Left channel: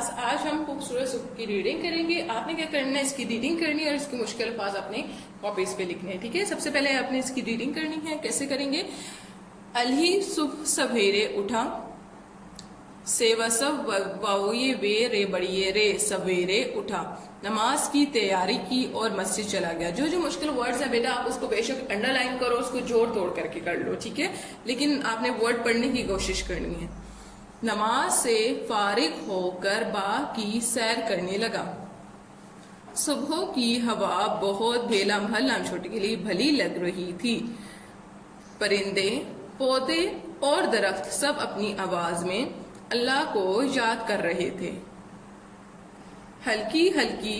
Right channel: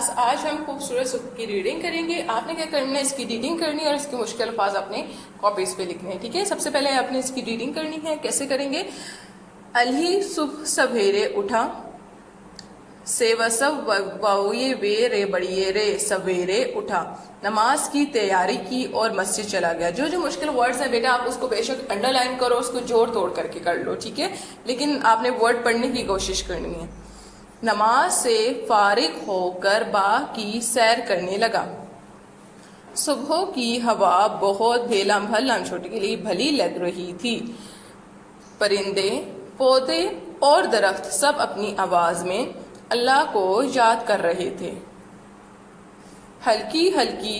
Class आज हम खूबसूरत सुबह की रीडिंग करेंगे। आपने क्या करना है, इसकी रीडिंग करनी है और इसके मुश्किल अल्फाज अपने कॉपीज पे लिखने हैं। ठीक है, सबसे पहले आपने इसकी रीडिंग करनी है। कैसे करेंगे? अली सुबह सवेरे उठा, से वसव वाउये वे रे बड़िए रे सवेरे उठा, नमाज की तैयारी की और मस्जिद चला गया। जो जो मुश्किल वर्ड्स है बेटा आप उसको बेशक अंडरलाइन करो, उसको जोड़ तोड़ करके कर लो। ठीक है, लेकिन आपने वर्ड पढ़ने की कोशिश करनी है। नमाज से फारिग होकर बाग की सैर करने लगा। सुबह की हवा बहुत भला छोटी के लिए भली लग रही थी। परिंदे, पौधे और दरख्त सब अपनी आवाज में अल्लाह को याद कर रहे थे। हल्की हल्की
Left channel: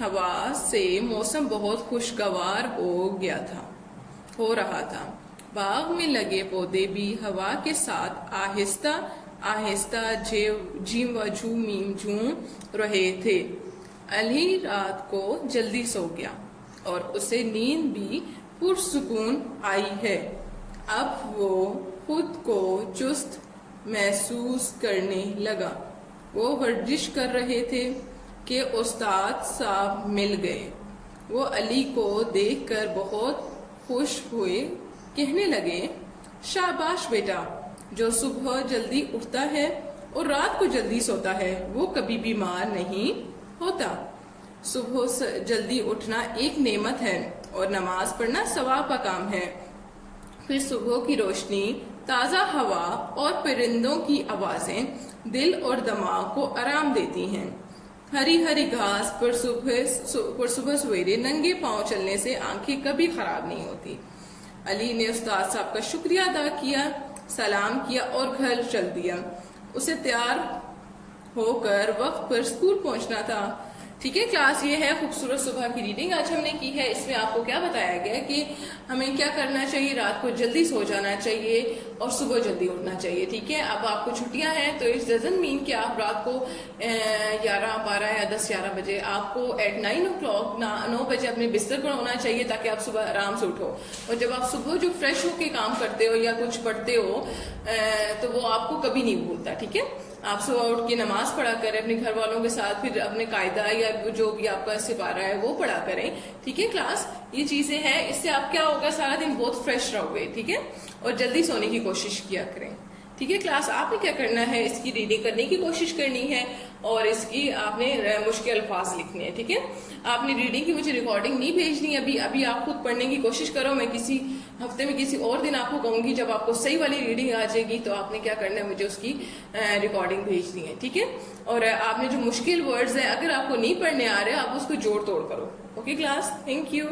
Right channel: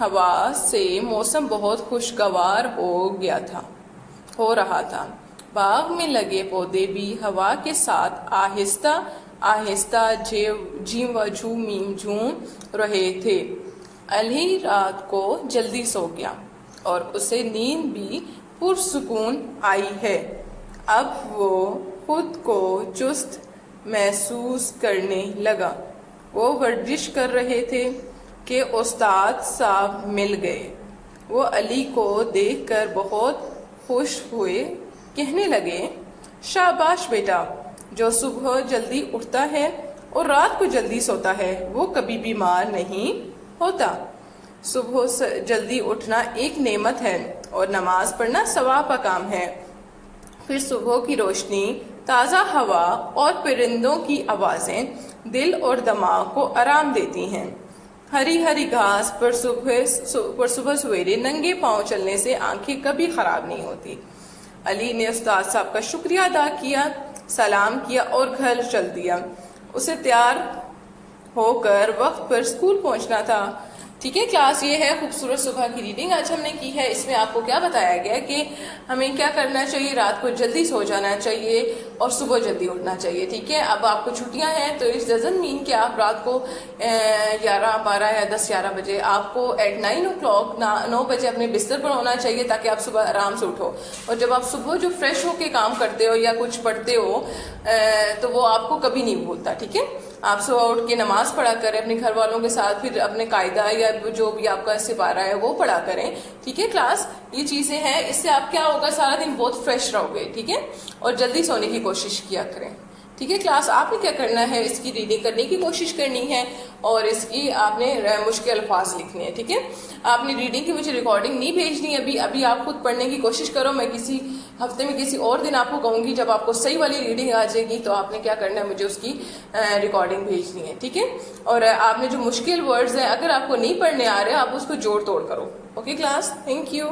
हवा से मौसम बहुत खुशगवार हो रहा था। बाग में लगे पौधे भी हवा के साथ आहिस्ता आहिस्ता झूम रहे थे। अली रात को जल्दी सो गया और उसे नींद भी पुरसुकून आई है। अब वो खुद को चुस्त महसूस करने लगा। वो वर्जिश कर रहे थे कि उस्ताद साहब मिल गए। वो अली को देखकर बहुत खुश हुए, कहने लगे, शाबाश बेटा, जो सुबह जल्दी उठता है और रात को जल्दी सोता है वो कभी बीमार नहीं होता। सुबह जल्दी उठना एक नेमत है और नमाज पढ़ना सवाब का काम है। फिर सुबह की रोशनी, ताज़ा हवा और परिंदों की आवाजें दिल और दिमाग को आराम देती हैं। हरी हरी घास पर सुबह सवेरे नंगे पांव चलने से आंखें कभी खराब नहीं होती। अली ने उस्ताद साहब का शुक्रिया अदा किया, सलाम किया और घर चल दिया। उसे तैयार होकर वक्त पर स्कूल पहुंचना था। ठीक है क्लास, ये है खूबसूरत सुबह की रीडिंग आज हमने की है। इसमें आपको क्या बताया गया कि हमें क्या करना चाहिए, रात को जल्दी सो जाना चाहिए और सुबह जल्दी उठना चाहिए। ठीक है, अब आपको छुट्टियां हैं तो इट डजंट मीन कि आप रात को 11, 12 या 10, 11 बजे, आपको एट 9 o'clock 9 बजे अपने बिस्तर पर होना चाहिए ताकि आप सुबह आराम से उठो। और जब आप सुबह जो फ्रेश होके काम करते हो या कुछ पढ़ते हो तो वो आपको कभी नहीं भूलता। ठीक है, आप सुबह उठ के नमाज पढ़ा करें अपने घर वालों के साथ, फिर अपने कायदा या जो भी आपका सिपारा है वो पढ़ा करें। ठीक है क्लास, ये चीजें हैं, इससे आप क्या होगा, सारा दिन बहुत फ्रेश रहोगे। ठीक है, और जल्दी सोने की कोशिश किया करें। ठीक है क्लास, आपने क्या करना है, इसकी रीडिंग करने की कोशिश करनी है और इसकी आपने मुश्किल अल्फाज लिखने हैं। ठीक है, आपने रीडिंग की मुझे रिकॉर्डिंग नहीं भेजनी अभी आप खुद पढ़ने की कोशिश करो। मैं किसी हफ्ते में किसी और दिन आपको कहूंगी, जब आपको सही वाली रीडिंग आ जाएगी तो आपने क्या करना है, मुझे उसकी रिकॉर्डिंग भेजनी है। ठीक है, और आपने जो मुश्किल वर्ड्स है अगर आपको नहीं पढ़ने आ रहे आप उसको जोड़ तोड़ करो। Okay class, thank you.